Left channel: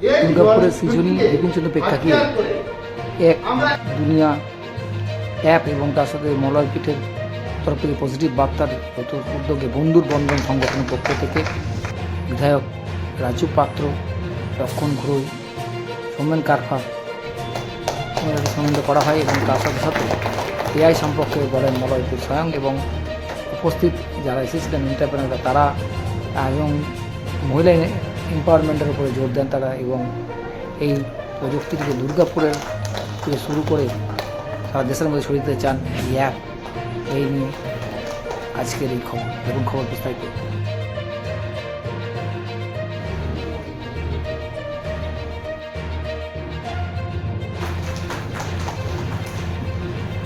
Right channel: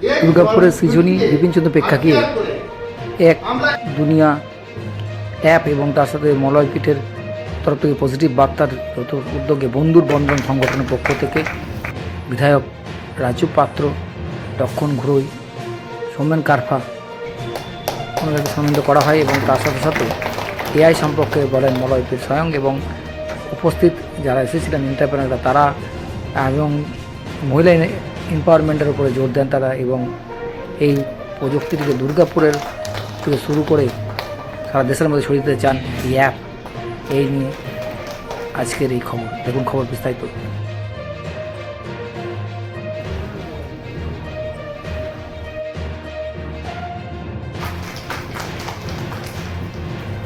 দুর্গাপুরের সৃজনী বিপিনচন্দ্র প্রেক্ষাগৃহে এক দুনিয়া অ্যাপ এবং তার সাথে মলয় পীঠের তরফ থেকে পজিটিভ বার্তার উদ্যোগে বন্ধুর বন্ধন সংগঠনের পক্ষ থেকে বিধায়ক রাজু পাত্র, লক্ষণ ঘুরোই, সৌমেন কারফা ওনাদেরকে সম্মানিত করা হয় এবং তার সাথে সাথে এআই সম্পর্কে বলেন মলয় পীঠ স্বয়ং এবং উপস্থিত যারা এসেছিলেন এন্টারপ্রেনাররা তারা এবং মহিলা এম্পাওয়ারমেন্টের উপরে জোর দেন তারা এবং এই প্রযুক্তিটিকে দুর্গাপুরের থেকে শুরু করে সারা দেশের মধ্যে ছড়িয়ে দিতে চান এই অ্যাপ। এই নিয়ে আজকের এই খবর, দেখুন খবর বিস্তারিত।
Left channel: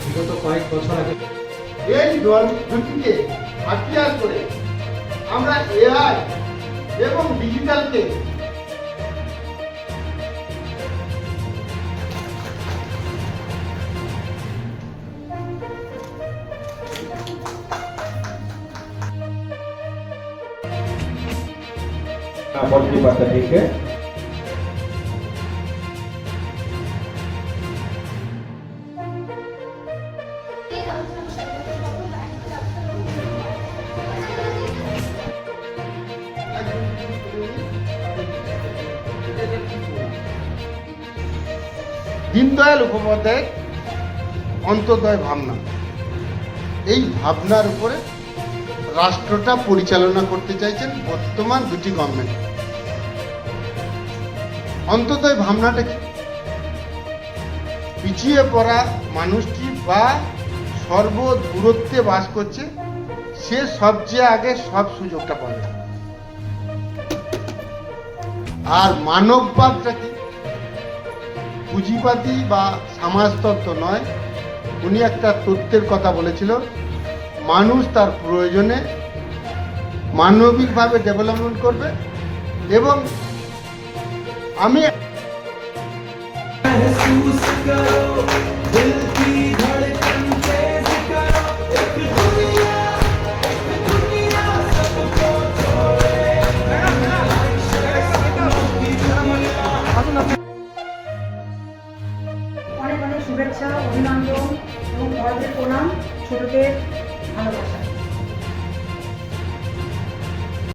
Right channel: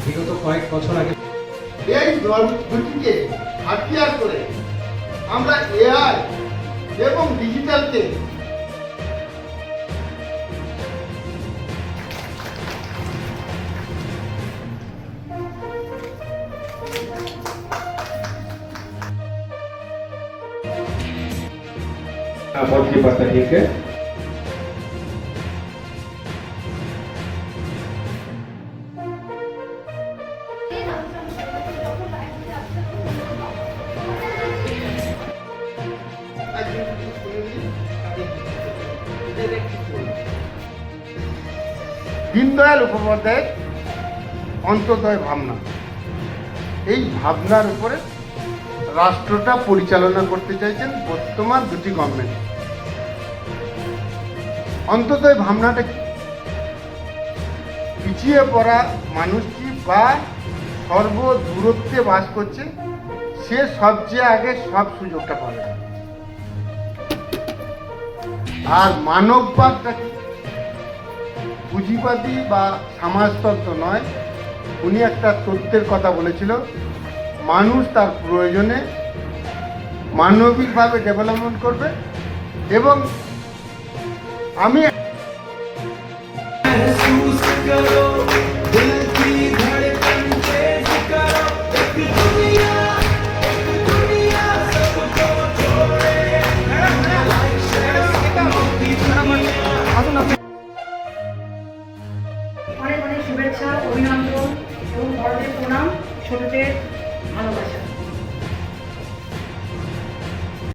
বিগত কয়েক বছর আগে এই দুটিকে হাতিয়ার করে আমরা এআই এবং ডিজিটালকে पॉजिटिव बात है, ठीक है। দীনদয়াল উপাধ্যায়ের অন্তোদয় ভাবনা, এই ভাবনার উপরে রাষ্ট্রটা পরিচালনা করতে চাইছেন বর্তমান দুটি গভর্নমেন্ট। অন্তোদয় ভাবনাটা কি? পিছিয়ে পড়া মানুষটি বা সর্ব দূরত্বে বাস করছে, সে সবচেয়ে আগে সব সুযোগটা পাবে। আর মানববাদটা কি? পুঁজিবাদী বা সমাজতত্ত্ব নয়, উনি একটা তত্ত্বের কথা বলেছিল, মানুষ তার প্রয়োজনে মানবিকভাবে ডেভেলপমেন্ট করবে। এবং আমি অনেক অনেক শুভেচ্ছা, অভিনন্দন এবং বড়দের প্রণাম, ছোটদের ভালোবাসা।